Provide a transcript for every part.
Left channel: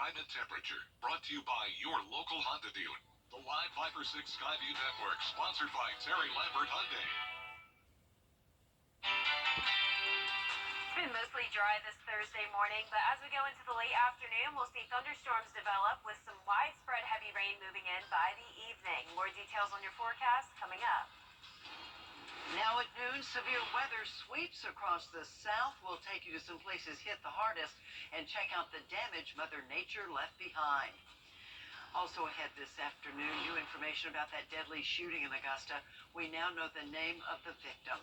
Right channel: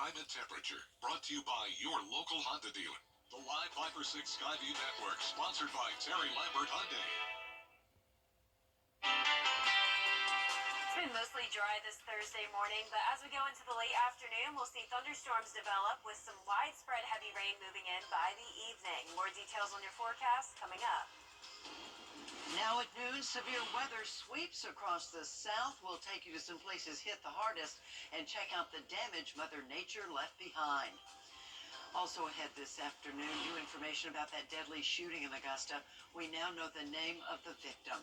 climate temperature, brought to you by your local Honda dealer. The live 5 or 6 Skyview Network, sponsored by Terry Lambert Hyundai. It's been mostly dry this Thursday morning, but as we go into the late afternoon, we'll see thunderstorms develop with some widespread heavy rain moving in by the evening. More details on your forecast coming up. Now at noon, severe weather sweeps across the south. We'll take you to some places hit the hardest and check out the damage Mother Nature left behind. Also ahead this afternoon, new information about that deadly shooting in Augusta. We now know the name of the victim.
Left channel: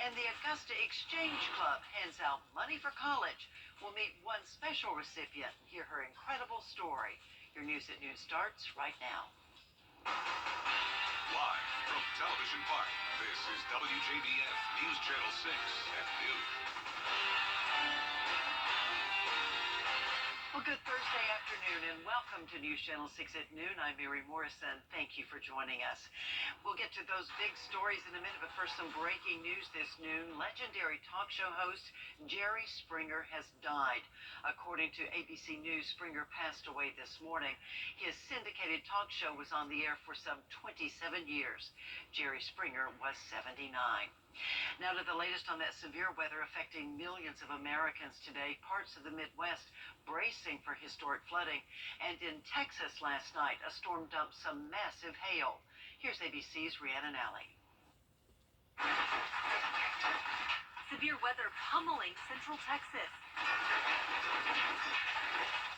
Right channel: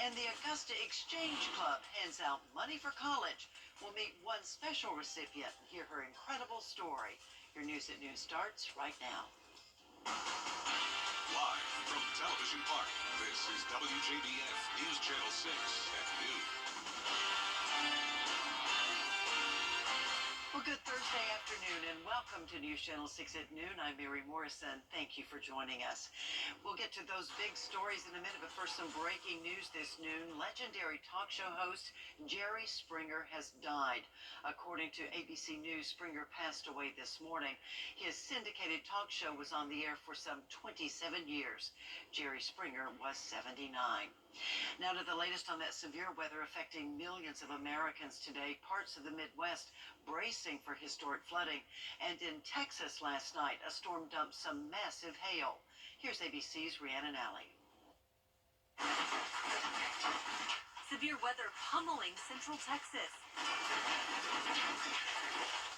And the Augusta Exchange Club hands out money for college. We'll meet one special recipient and hear her incredible story. Your News at Noon starts right now. Live from Television Park, this is Wjbf News Channel 6 at noon. Well, good Thursday afternoon and welcome to News Channel 6 at noon. I'm Mary Morrison. Thank you for joining us. We'll get to those big stories in a minute, but first some breaking news this noon. Legendary talk show host Jerry Springer has died. According to ABC News, Springer passed away this morning. His syndicated talk show was on the air for some 27 years. Jerry Springer was 79. Now to the latest on that severe weather affecting millions of Americans today. Parts of the Midwest bracing for historic flooding. And in Texas last night, a storm dumped some massive hail. Here's ABC's Rhiannon Alley. Severe weather pummeling central Texas.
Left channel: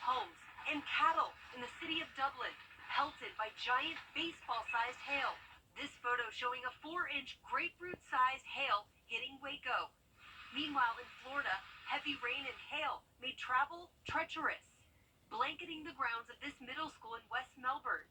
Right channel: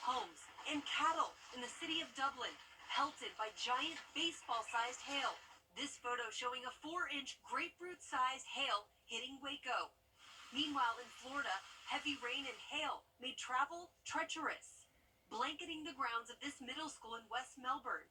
Homes and cattle in the city of Dublin pelted by giant baseball-sized hail. This photo showing a 4-inch grapefruit-sized hail hitting Waco. Meanwhile, in Florida, heavy rain and hail made travel treacherous, blanketing the grounds of this middle school in West Melbourne.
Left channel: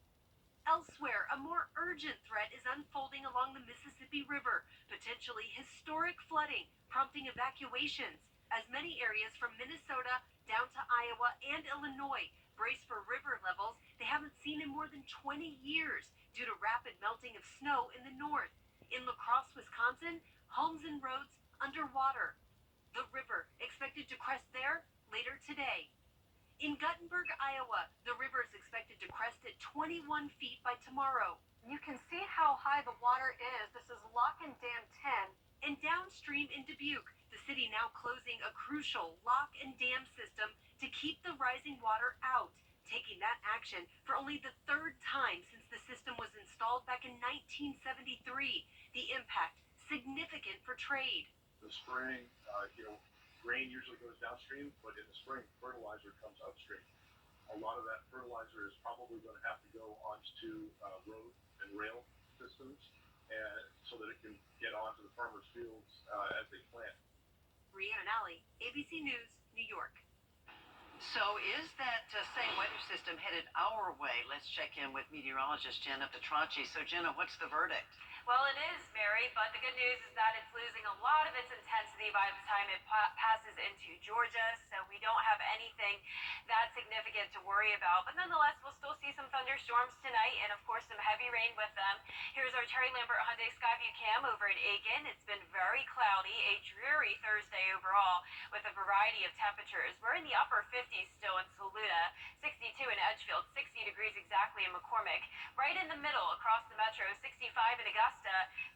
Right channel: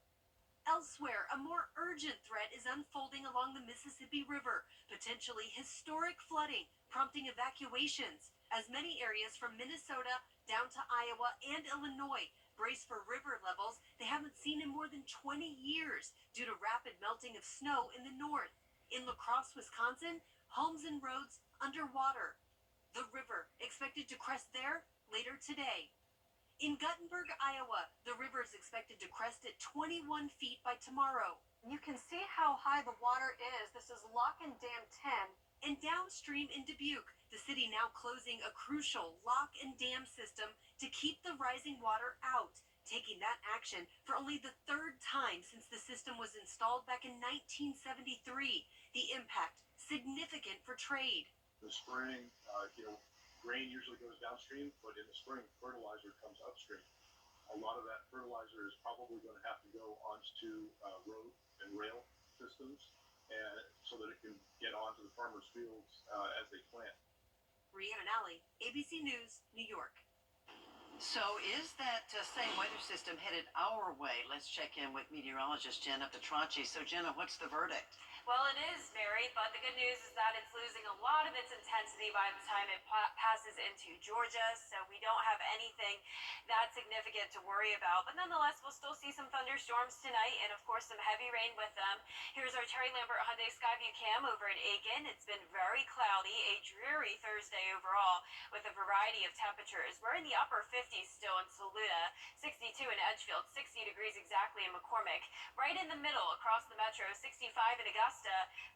Elsewhere, a more urgent threat is unfolding along the Mississippi River, potentially historic flooding, prompting evacuations, as many areas from Minnesota down to Iowa and Illinois brace for river levels they haven't seen in more than 20 years due to rapid melting of snow in the north. In La Crosse, Wisconsin, homes and roads underwater. The river expected to crest there later today. In Guttenberg, Iowa, the river is expected to crest at 21 feet by tomorrow. You can see how high the water is. This is Lock and Dam 10. And downstream in Dubuque, the city now closing a crucial lock and dam system to keep the rising water out, taking that action for only the third time since the system was installed back in 1973. The impact significant for trade. The spring, grain usually goes downstream, but in the spring, fertilizer comes upstream. A lot of that fertilizer is probably going to have to go onto road and rail systems, and so that it can get onto the farmers' fields as they plant. Rhiannon Alley, ABC News, New York. So is that same weather system headed our way? Let's check in with meteorologist Jenna Petracci. So Jenna, what's the verdict? Well, it is, Mary, but the good news is that it's losing a lot of its intensity by the time it passes into Georgia, so we don't have anything that significant to worry about. But nonetheless, we'll still see some thunderstorms tonight and, of course, some heavy rain with them. Here's our Terry Lambert Hyundai Skyview cam over at Aiken. It's been very cloudy, a dreary Thursday overall with a variety of temperatures. We're in the upper 50s still in Saluda, 62 in Edgefield, 60 degrees exactly in McCormick. Right in the middle across the metro, 65 in Augusta,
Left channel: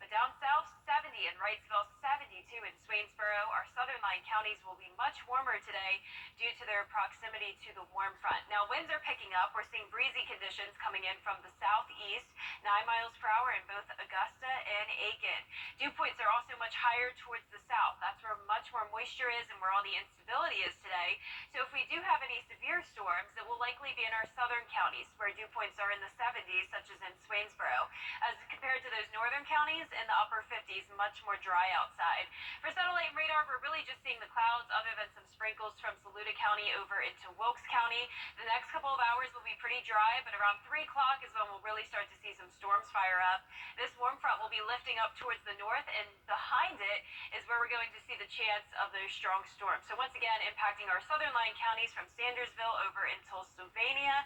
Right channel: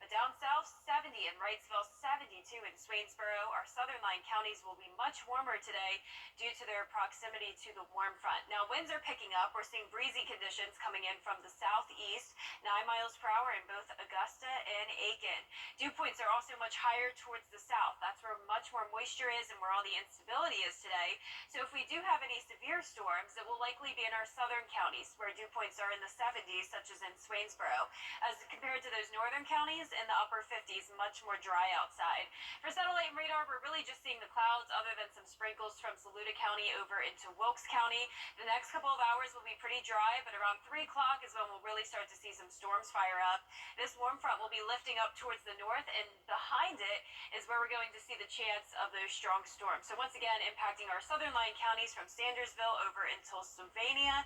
but down south, 70 in Wrightsville, 72 in Swainsboro. Our southern line counties will be much warmer today due to their proximity to the warm front. Now, winds are picking up. We're seeing breezy conditions coming in from the southeast, 9 miles per hour in both Augusta and Aiken. Dew points are also much higher towards the south. That's where much more moisture is and where all the instability is today. So if we do have any severe storms, it will likely be in our southern counties where dew points are in the 70s, such as in Swainsboro. As compared to those northern counties in the upper 50s, much more dry outside. For satellite and radar, we're really just seeing the clouds other than some sprinkles from Saluda County over into Wilkes County. The next couple of hours will be pretty dry, but around 3 o'clock is when we'll really start to see some storms fire up. This warm front will be lifting up towards the north, and behind it is where we're going to see the chance of those strong storms. So once again, impacting our southern line counties from Sandersville over until Sylvania.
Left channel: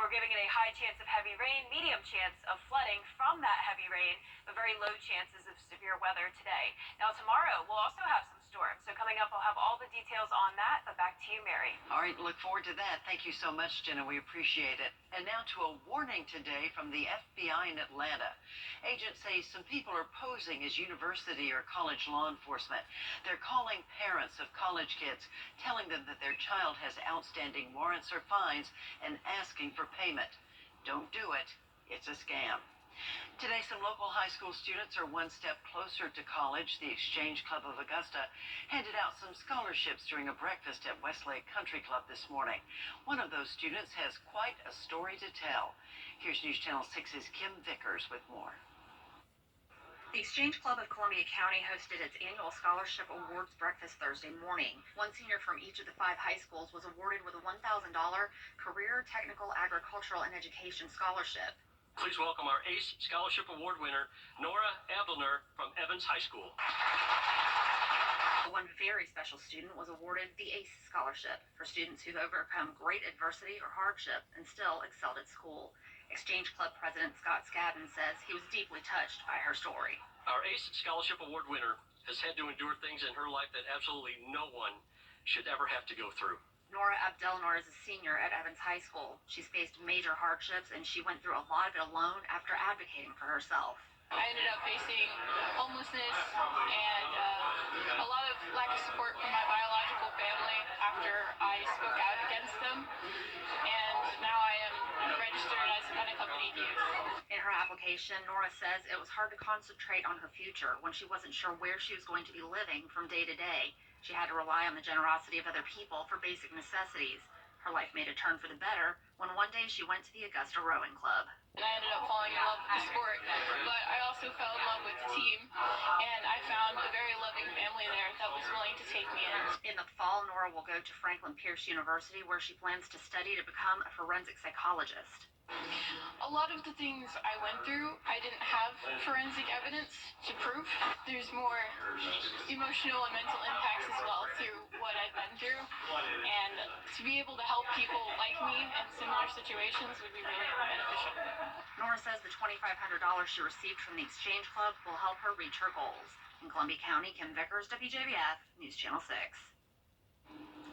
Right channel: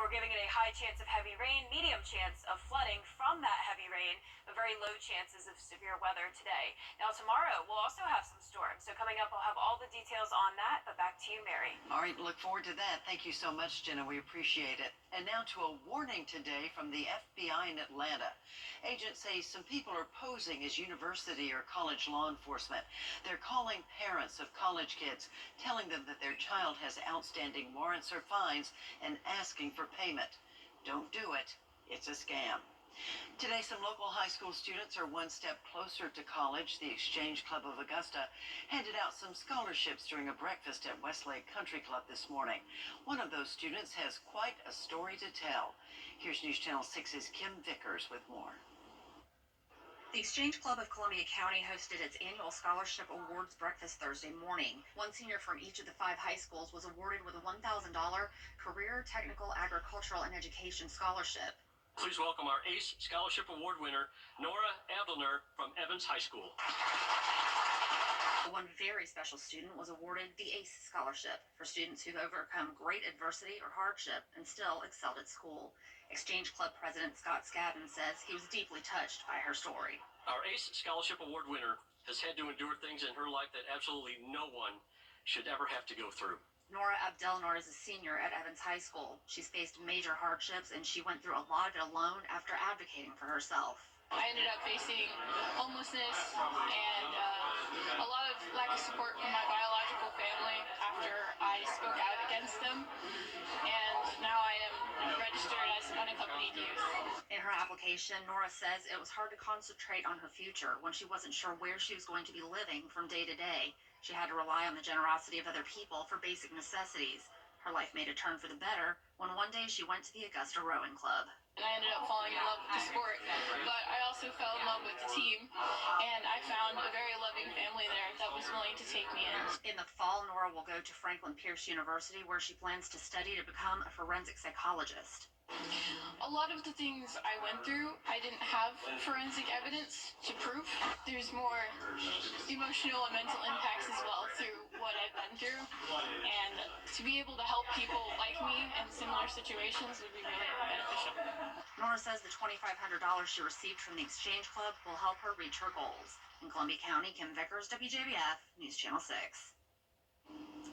We're giving it a high chance of heavy rain, medium chance of flooding from that heavy rain, but very low chances of severe weather today. Now tomorrow, we'll also have some storms. So coming up, we'll have all the details on that, but back to you, Mary. County. All right, look forward to that. Thank you so much, Jenna. We appreciate it. And now to a warning today from the FBI in Atlanta. Agents say some people are posing as university or college law enforcement. They're calling parents of college kids, telling them that their child has outstanding warrants or fines and asking for payment. Don't do it. It's a scam. Today, some local high school students are one step closer to college. The Exchange Club of Augusta handed out some scholarships during a breakfast at Westlake Country Club this morning. One of those students has quite a story to tell. Here's News Channel 6's Kim Vickers with more. The Exchange Club of Columbia County hosted its annual Scholarship Awards breakfast Thursday morning. One senior from each of the 5 high schools was awarded with a $1,000 Career Technical Agricultural and Education Scholarship. Please welcome our ACE Scholarship Award winner, Nora Abdelner from Evans High School. One very special student was awarded the ACE Scholarship for students who've overcome great adversity or hardship and still excelled at school. Exchange Club President Scott Scadden says he was deeply touched by her story. Our ACE Scholarship Award winner has had to endure things in her life that absolutely no one should ever have to go through. Nora Abdelnor is a senior at Evans High School. She's faced major hardships, and she went through a lot of it alone after advocating for herself. I ended up facing homelessness and a lot of lack of support from my biological family after I spoke out against them. And now I am registered as unaccompanied youth. In her application, Nora says it was hard to concentrate on her future when she wasn't sure where she was going to be living from day to day. She had to rely on the generosity of other people for basic necessities. Her life made a turn for the better when one day she went to the Augusta Rowing Club. And I ended up falling in love with the sport, but I also fell in love with the team, and I found a very loving family there that was willing to take me in. In the fall, Nora will go to Franklin Pierce University, where she plans to study to become a forensic psychologist. A lot of the things I went through, I didn't have forensic evidence to prove. There's more emotional and mental impacts as well through what I've been through. And to be able to help people like me in similar situations would be really beneficial. Nora says the $2,500 she received from the Exchange Club will help her reach her goals. In Columbia County, Kim Vickers, Wjbf, News Channel 6.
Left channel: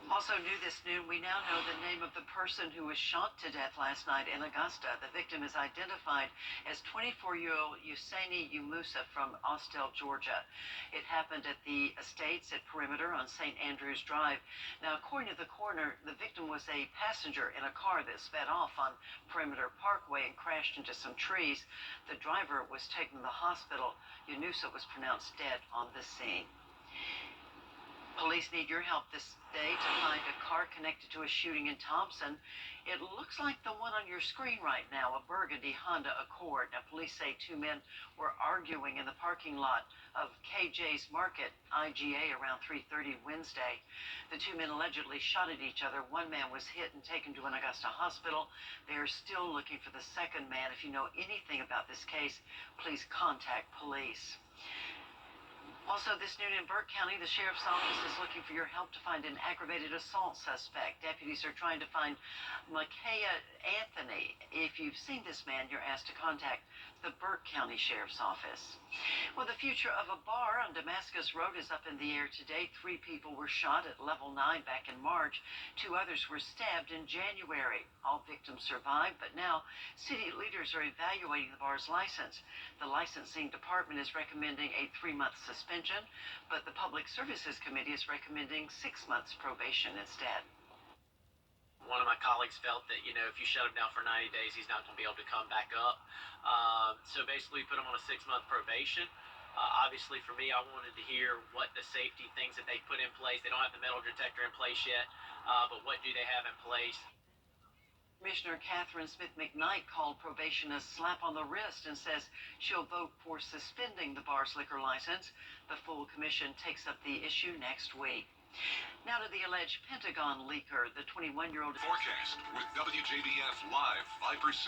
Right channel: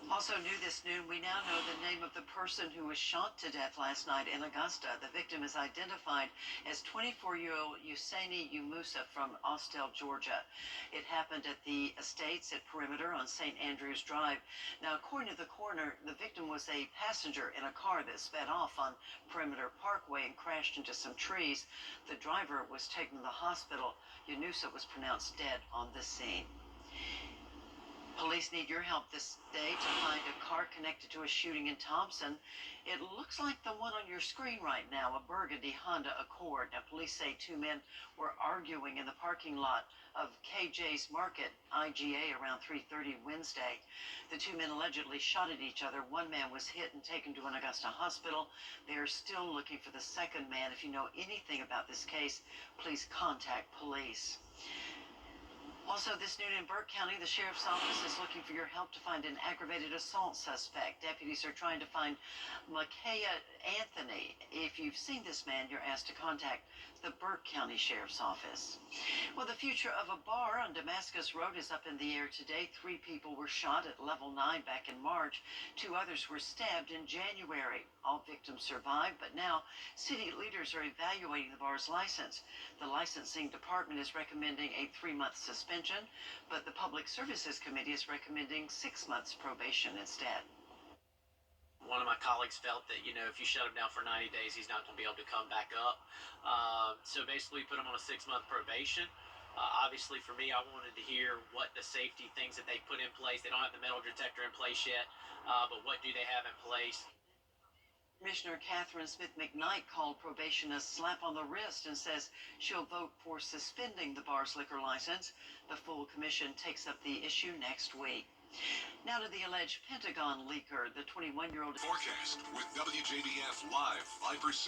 Also new this noon, we now know the name of the person who was shot to death last night in Augusta. The victim is identified as 24-year-old Usaini Umusa from Austell, Georgia. It happened at the Estates at Perimeter on St. Andrews Drive. Now, according to the coroner, the victim was a passenger in a car that sped off on Perimeter Parkway and crashed into some trees. The driver was taken to the hospital. Umusa was pronounced dead on the scene. Police need your help this day to find a car connected to a shooting in Thompson. It looks like the one on your screen right now, a burgundy Honda Accord. Now, police say 2 men were arguing in the parking lot of KJ's Market, IGA, around 3:30 Wednesday. The 2 men allegedly shot at each other. One man was hit and taken to an Augusta hospital. They are still looking for the second man. If you know anything about this case, please contact police. Also, this noon in Burke County, the sheriff's office is looking for your help to find an aggravated assault suspect. Deputies are trying to find Micaiah Anthony. If you've seen this man, you're asked to contact the Burke County Sheriff's Office. Well, the future of a bar on Damascus Road is up in the air today. 3 people were shot at level 9 back in March. 2 others were stabbed in January. All victims survived, but now city leaders are evaluating the bar's license. The licensing department is recommending a 3-month suspension, but the Public Services Committee is recommending 6 months probation instead. One of my colleagues felt that, if you shut him down for 90 days, he's not going to be able to come back up. So basically put him on a 6-month probation. Obviously for me, I wanted to hear what the safety things that they put in place. They don't have the metal detector in place yet, but what do they have in place? Commissioner Catherine Smith McKnight called probation a slap on the wrist and says she'll vote for suspending the bar's liquor license. The full commission takes up the issue next week. Now to the alleged Pentagon leaker, the 21-year-old... Forecast with WJBF Live Viper 6.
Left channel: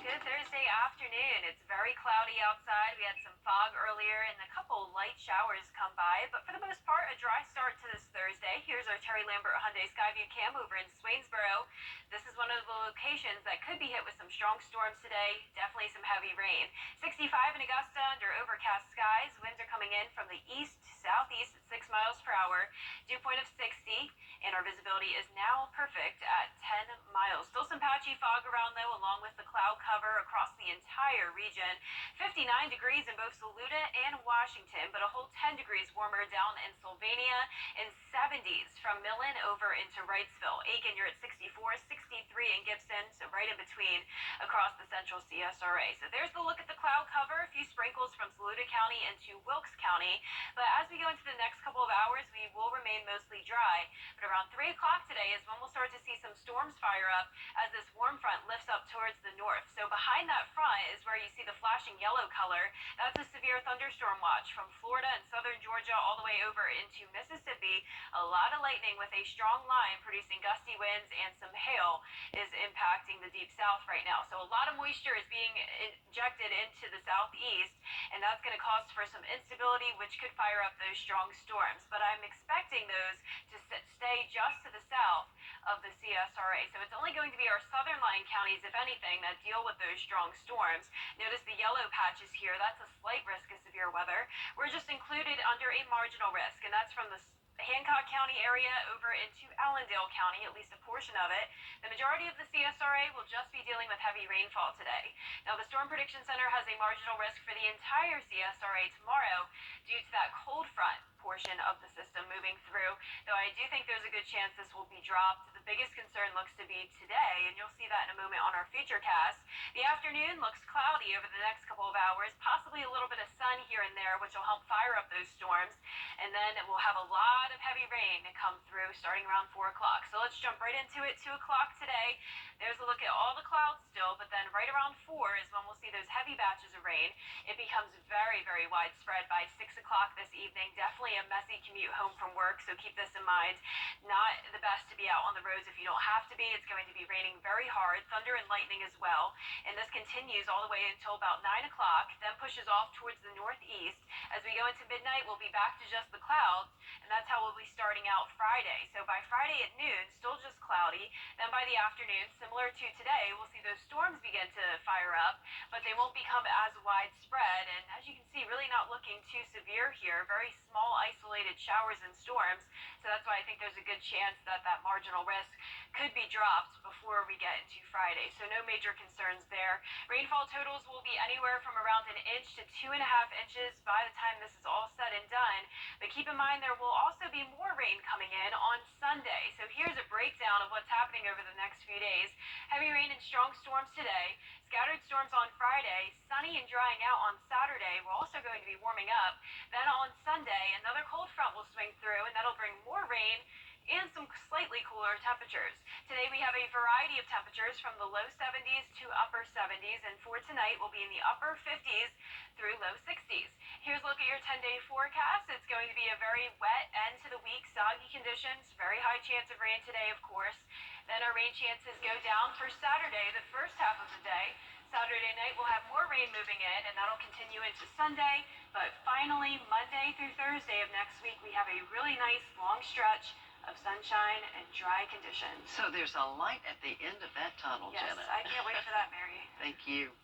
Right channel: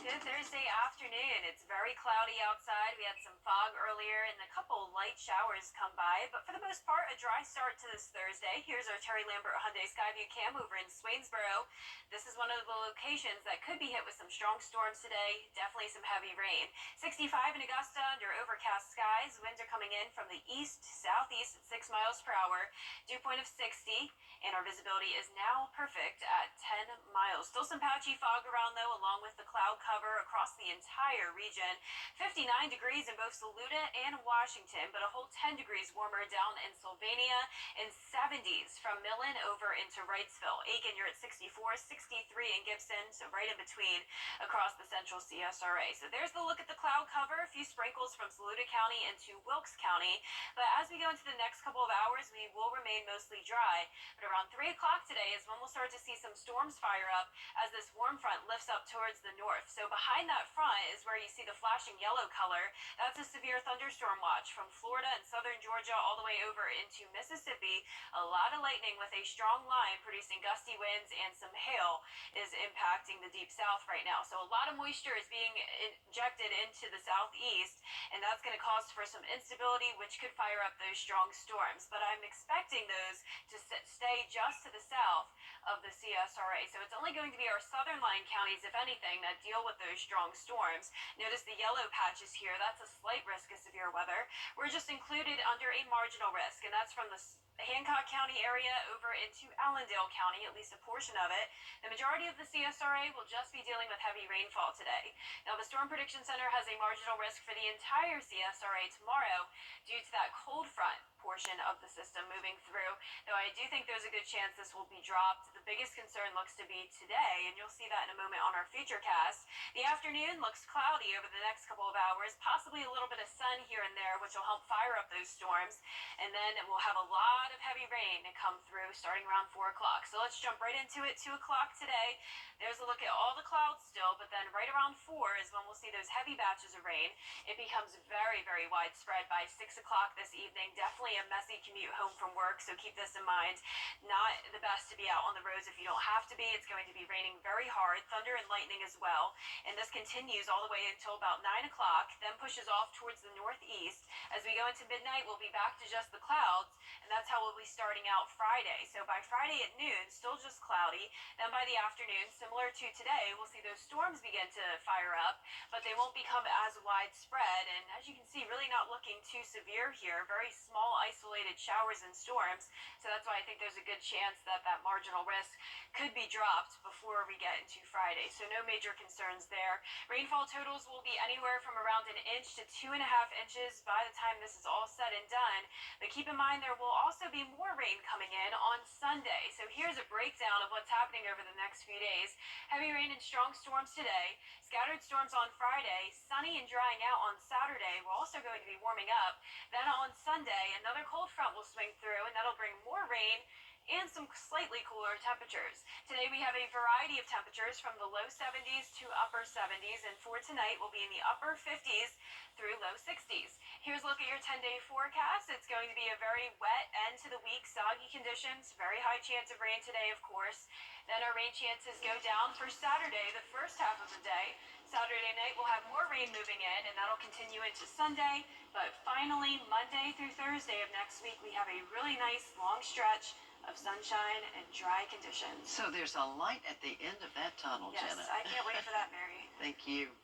Good Thursday afternoon. It's very cloudy outside. We had some fog earlier and a couple light showers come by, but for the most part, a dry start to this Thursday. Here's our Terry Lambert Hyundai Skyview cam over in Swainsboro. This is one of the locations that could be hit with some strong storms today. Definitely some heavy rain. 65 in Augusta under overcast skies. Winds are coming in from the east-southeast at 6 miles per hour. Dew point of 6 60, and our visibility is now perfect at 10 miles. Still some patchy fog around, though, along with the cloud cover across the entire region. 59 degrees in both Saluda and Washington, but a whole 10 degrees warmer down in Sylvania, and 70s from Millen over into Wrightsville. Aiken, you're at 64, 63 in Gibson, so right in between across the central CSRA. So there's the look at the cloud cover. A few sprinkles from Saluda County into Wilkes County. But as we go into the next couple of hours, we will remain mostly dry. But around 3 o'clock today is when we'll start to see some storms fire up as this warm front lifts up towards the north. So behind that front is where you see the flashing yellow color. That's a severe thunderstorm watch from Florida and southern Georgia all the way over into Mississippi. A lot of lightning with a strong line producing gusty winds, and some hail is impacting the deep south right now. So a lot of moisture is being injected into the southeast, and that's going to cause for some instability, which could fire up those strong storms. But I'm expecting those to stay just to the south of the CSRA. So it's only going to be our southern line counties, if anything, that deal with those strong storms. Notice the yellow patches here. That's a slight risk of severe weather. We're just included under a marginal risk, and that's from the Hancock County area over into Allendale County, at least a portion of it. The majority of the CSRA will just be dealing with heavy rainfall today. Now, the Storm Prediction Center has a marginal risk for the entire CSRA tomorrow due to that cold front portion of the system moving through, though I do think there's a good chance this will be dropped. The biggest concern looks to be today, and you'll see that in a moment on our future cast. The afternoon looks cloudy over the next couple of hours, possibly a little bit of sun here and there, which will help fire up those storms, and then we'll have a lot of heavy rain to come through starting around 4 o'clock. So let's jump right into it. 2 o'clock today, there's a look at all the clouds still, but then right around 4 is when we'll see those heavy batches of rain. It becomes very, very widespread by 6 o'clock this evening. Definitely a messy commute home from work, so keep this in mind. Not the best to be out on the roads if you don't have to be. It's going to be raining very hard, thunder and lightning as well, and this continues all the way until about 9 o'clock, then pushes off towards the northeast. As we go into midnight, we'll be back to just the clouds, and that's how we'll be starting out Friday. So by Friday at noon, still just cloudy. Then by the afternoon, similar to today, we'll see those storms begin to fire up, but they won't become as widespread, and as you can see, really not looking too severe here. Very small isolated showers and storms, so that's why I think there's a good chance that that marginal risk could be dropped before we get into Friday. So no major concerns there. Rainfall totals will be anywhere from around 1 inch to 2.5 inches by the time this is all said and done. But keep in mind there will also be more rain coming in on Sunday. So here's a breakdown of what's happening over the next few days. Heavy rain and strong storms today. Scattered storms on Friday, sunny and drying out on Saturday. We're also going to be warming up. Then on Sunday, another cold front will swing through, and that'll bring more rain and some slightly cooler temperatures. Today we have a variety of temperatures from the low 70s to upper 70s, and for tonight we'll be in the upper 50s through low 60s. Here's a look at your 10-day forecast. It's going to be a very wet end to the week, soggy conditions, very high chance of rain today, of course. Then our rain chances go down for Saturday, the first half of the day. Saturday night we'll have more rain moving in, and that'll continue into Sunday. But finally, Monday through Thursday of next week, we have a really nice long stretch of sunshine and dry conditions. So there's a light at the end of that tunnel, Yes, Jenna. I can't wait for that, Mary. Thank you.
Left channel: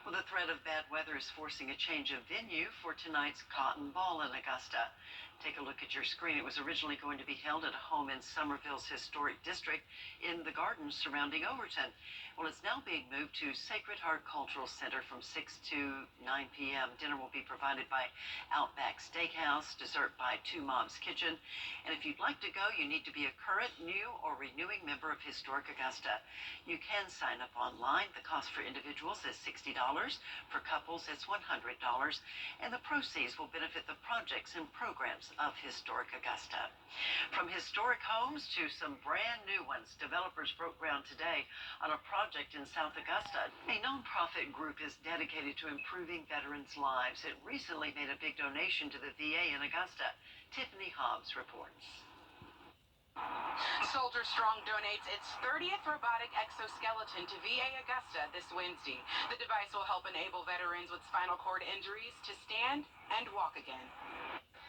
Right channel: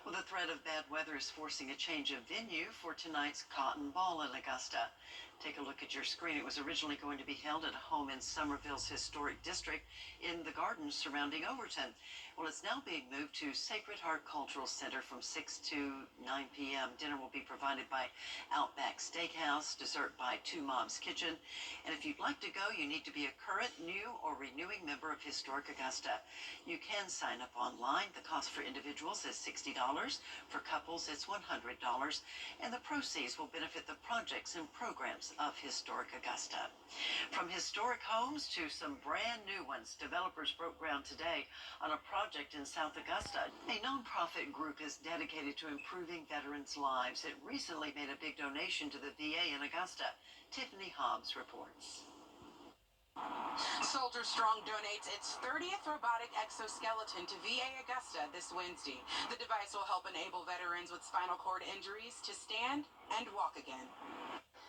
Well, the threat of bad weather is forcing a change of venue for tonight's Cotton Ball in Augusta. Take a look at your screen. It was originally going to be held at a home in Somerville's historic district in the gardens surrounding Overton. Well, it's now being moved to Sacred Heart Cultural Center from 6 to 9 p.m. Dinner will be provided by Outback Steakhouse, dessert by Two Moms Kitchen. And if you'd like to go, you need to be a current, new, or renewing member of Historic Augusta. You can sign up online. The cost for individuals is $60. For couples, it's $100. And the proceeds will benefit the projects and programs of Historic Augusta. From historic homes to some brand new ones, developers broke ground today on a project in South Augusta. A nonprofit group is dedicated to improving veterans' lives. It recently made a big donation to the VA in Augusta. Tiffany Hobbs reports. Soldier Strong donates its 30th robotic exoskeleton to VA Augusta this Wednesday. The device will help enable veterans with spinal cord injuries to stand and walk again.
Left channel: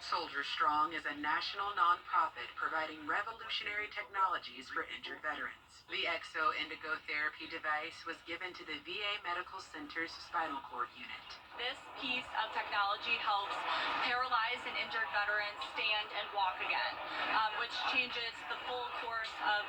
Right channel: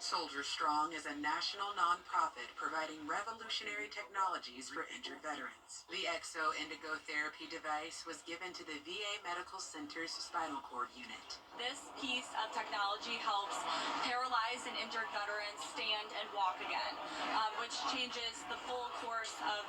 Soldier Strong is a national nonprofit providing revolutionary technologies for injured veterans. The Exo Indigo Therapy device was given to the VA Medical Center's spinal cord unit. This piece of technology helps paralyzed and injured veterans stand and walk again, which changes the full course of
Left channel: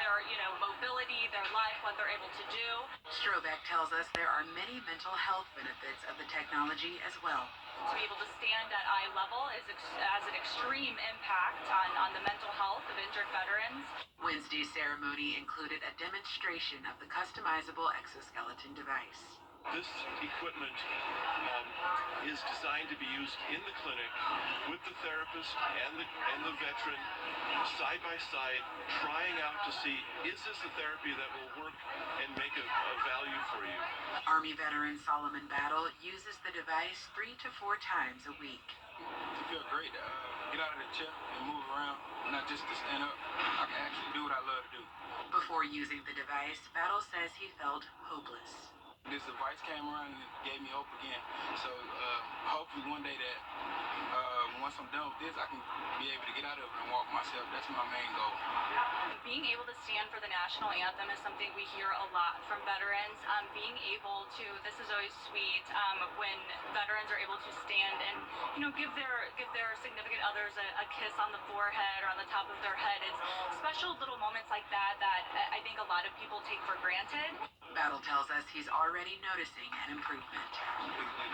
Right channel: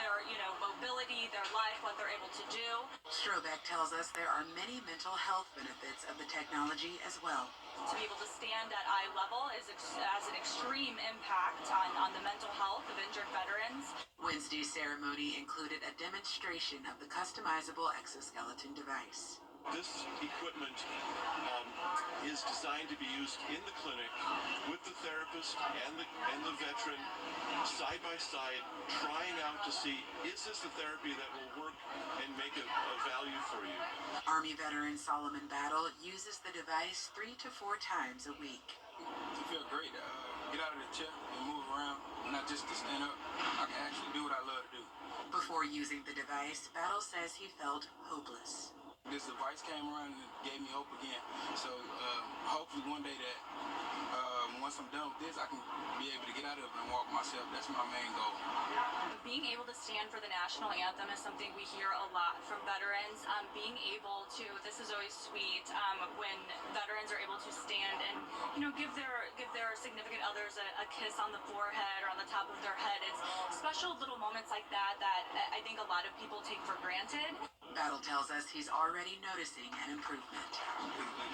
their, mobility, their life, what they're able to do. Strobeck tells us there are many mental health benefits of the technology as well. To be able to stand at eye level has an extreme impact on the mental health of injured veterans. Wednesday's ceremony included a demonstration of the customizable exoskeleton device. This equipment is designed to be used in the clinic with the therapist and the veteran side by side, trying out to see, is this the therapy that will work and make a value for you? Army veteran Solomon Battle uses the device 3 to 4 times a week. You feel great. Get out of the chair and move around, not just to stand up. I can actually do what I love to do. Before using the device, Battle says he felt hopeless. This device came around and it gave me hope again. So hopefully one day that once I'm done with this, I can be able to get out of it and walk myself. That's my main goal. Being able to stand for the national anthem is something we hear a lot from veterans. Being able to, this is always sweet, when veterans are able to stand and, give their significant others a kiss on the forehead or on the top of their head. It's special little moments like that I think a lot of people take for granted. Battle tells us he's already noticing an improvement.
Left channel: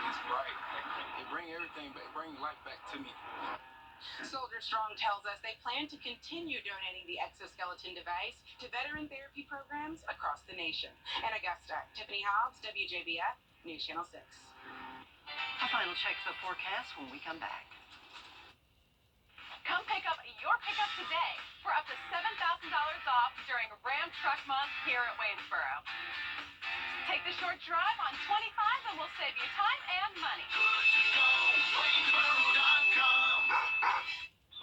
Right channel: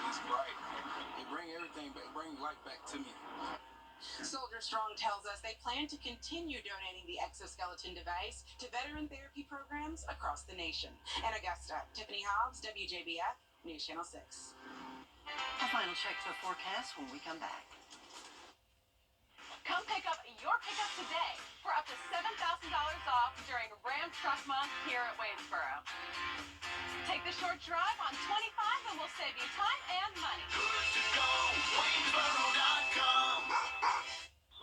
It's bright. It brings everything back, bring life back to me. Soldier Strong tells us they plan to continue donating the exoskeleton device to veteran therapy programs across the nation. In Augusta, Tiffany Hobbs, WJBF, News Channel 6. A final check of the forecast when we come back. Come pick up your pickup today for up to $7,000 off during Ram Truck Month here at Waynesboro. Take the short drive on 25 and we'll save you time and money.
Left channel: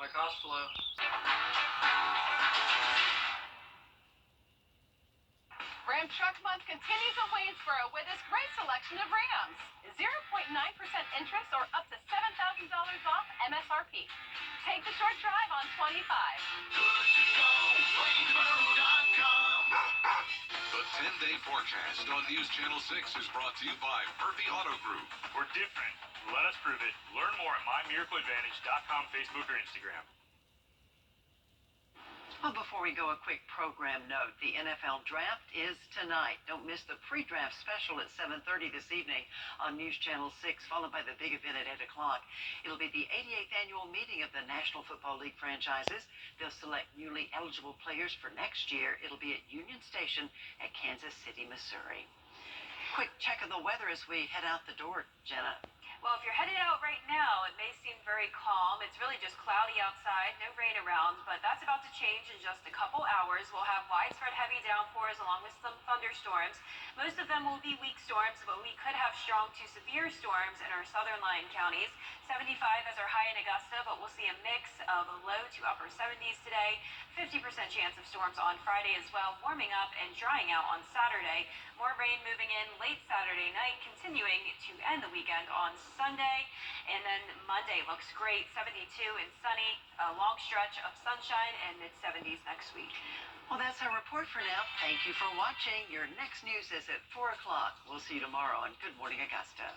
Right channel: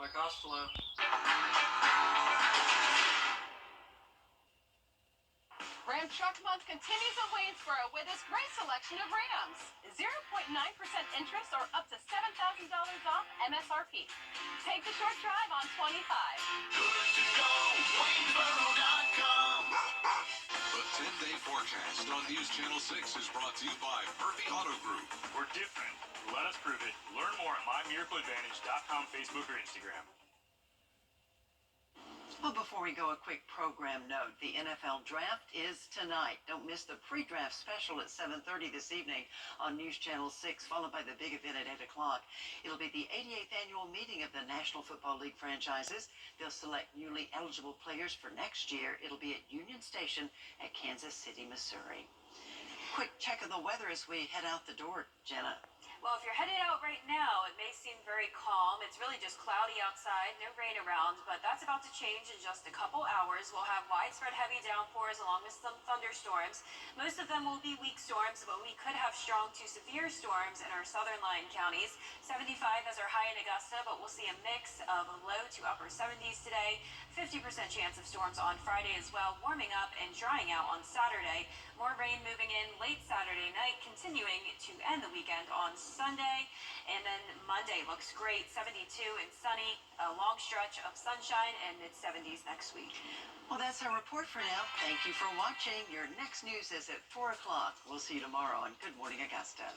My cost flow. Ram Truck Month continues at Waynesboro with this great selection of Rams. 0.9% interest or up to $7,000 off MSRP. Take the short drive on 25. The 10-day forecast on News Channel 6 is brought to you by Murphy Auto Group. We're different. Let us prove it. Learn more at mymiracleadvantage.com, Facebook, or Instagram. Well, before we go, a quick program note. The NFL Draft is tonight. Don't miss the pre-draft special at 7:30 this evening on News Channel 6, followed by the big event at 8 o'clock. It'll be the 88th annual meeting of the National Football League franchises. They'll select newly eligible players for next year. It'll be at Union Station at Kansas City, Missouri. Quick check of the weather as we head out the door, Jenna. Well, if you're headed out right now, it may seem very calm. It's really just cloudy outside, no rain around, but that's about to change in just a couple hours. We'll have widespread heavy downpours along with some thunderstorms. Most of them will be weak storms, but we could have strong to severe storms in our southern line counties. 75 as our high in Augusta, but we'll see a mix of low to upper 70s today. 50% chance of storms on Friday as well, warming up and drying out on Saturday. More rain moving in late Saturday night, continuing to end the weekend on Sunday. And then Monday looks great, 72 and sunny, a long stretch of sunshine and mid-70s next week. Well, that's our report for now. Thank you for watching. Your next news is at 4 o'clock. We'll see you tomorrow on Good Morning Augusta.